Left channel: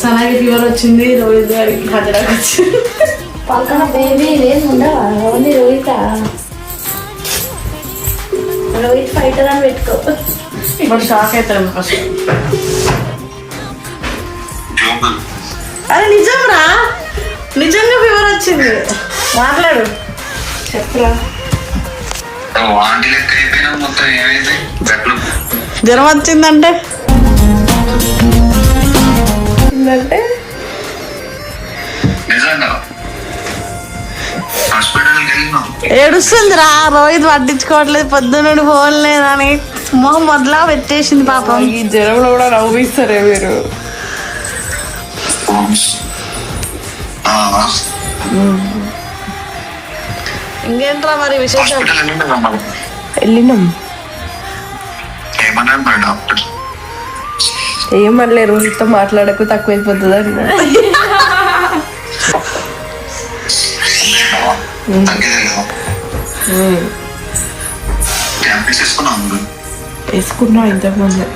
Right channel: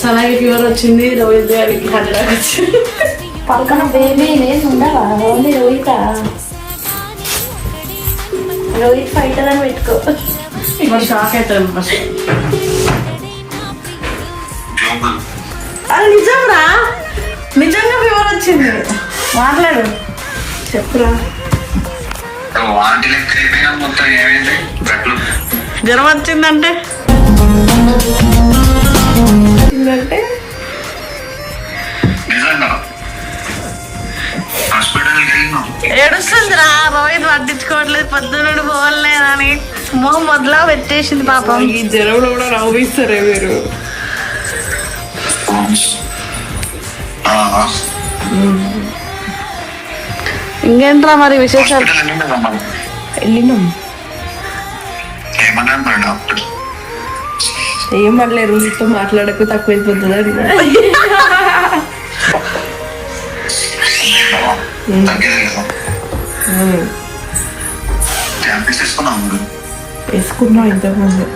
సనాకి fever వచ్చింది, రోహిత్ గారికి heart attack వచ్చింది. పక్కన బేబీ ఏం ఉండవా? ఓన్లీ రోహిత. రోహిత్ ఫైటర్ అని పెట్టుకో. ఇప్పుడు షాక్ అవుతాడు ఫస్ట్. అరే నిజం రా, నిజంగా ఫీవర్ వచ్చింది. మాట్లాడు, చెప్పురా. జ్వరం వచ్చిందంటే ఏడుస్తుందిరా. రోహిత్ పట్టించుకోవట్లేదు, పొద్దున్న ఫోన్ లేదని మొదలా పెట్టేసింది పాపం. ఈ జ్వరంలో కూడా నవ్విస్తారే మీరు. ఇంకేంట్రా మరి విశేషాలు? వెళ్ళినాం. ఏం మళ్ళీ రోహిత్తో మాట్లాడకు, తక్కువైపోతుంది అని. వేసుకున్నా ఇంతకుముందు.